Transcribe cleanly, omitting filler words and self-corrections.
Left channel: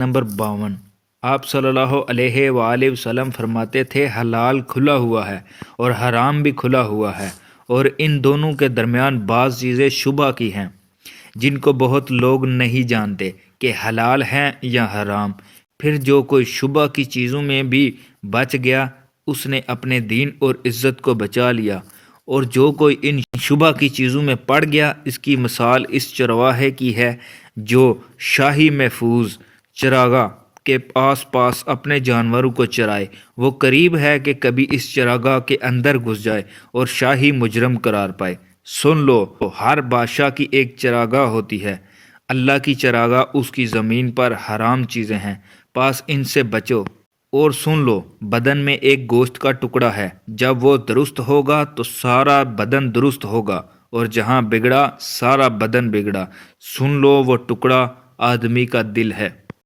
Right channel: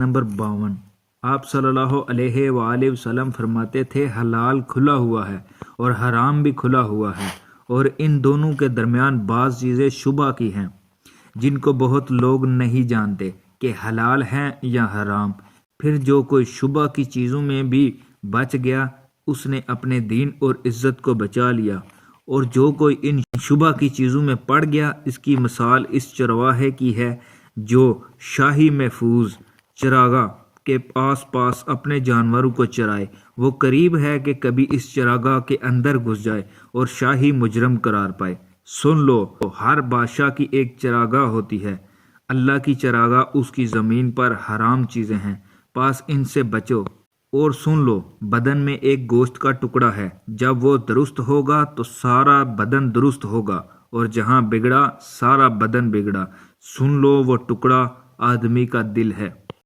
Number 52। आप सल्लल्लाहु अलैहि वसल्लम फरमाते थे, हलाल खुला हुआ है और हराम भी खुला हुआ है, और इन दोनों के दरमियान बाज़ चीज़ें शुबा की हैं जिनको बहुत लोग नहीं जानते कि हलाल हैं या हराम। फिर जो कोई शुबा की चीज़ों में भी बच गया उसने अपने दीन और इज़्ज़त को बचा लिया, और जो कोई इन शुबा की चीज़ों में पड़ गया इसकी मिसाल इस चरवाहे की है जो शाही महफूज चरागाह के आस पास अपने जानवरों को चराए। वो करीब है कि कभी इस चरागाह के अंदर घुस जाए और शाही मुजरम करार पाए। सुन लो, हर बादशाह की एक चरागाह होती है। अल्लाह की चरागाह उसकी ज़मीन पर हराम चीज़ें हैं, पास इनसे बचो। और सुन लो, बदन में एक गोश्त का टुकड़ा है, जब वो दुरुस्त होगा तो सारा बदन दुरुस्त होगा, और जहाँ बिगड़ा सारा बदन बिगड़ा। सुन लो, वो टुकड़ा आदमी का दिल है।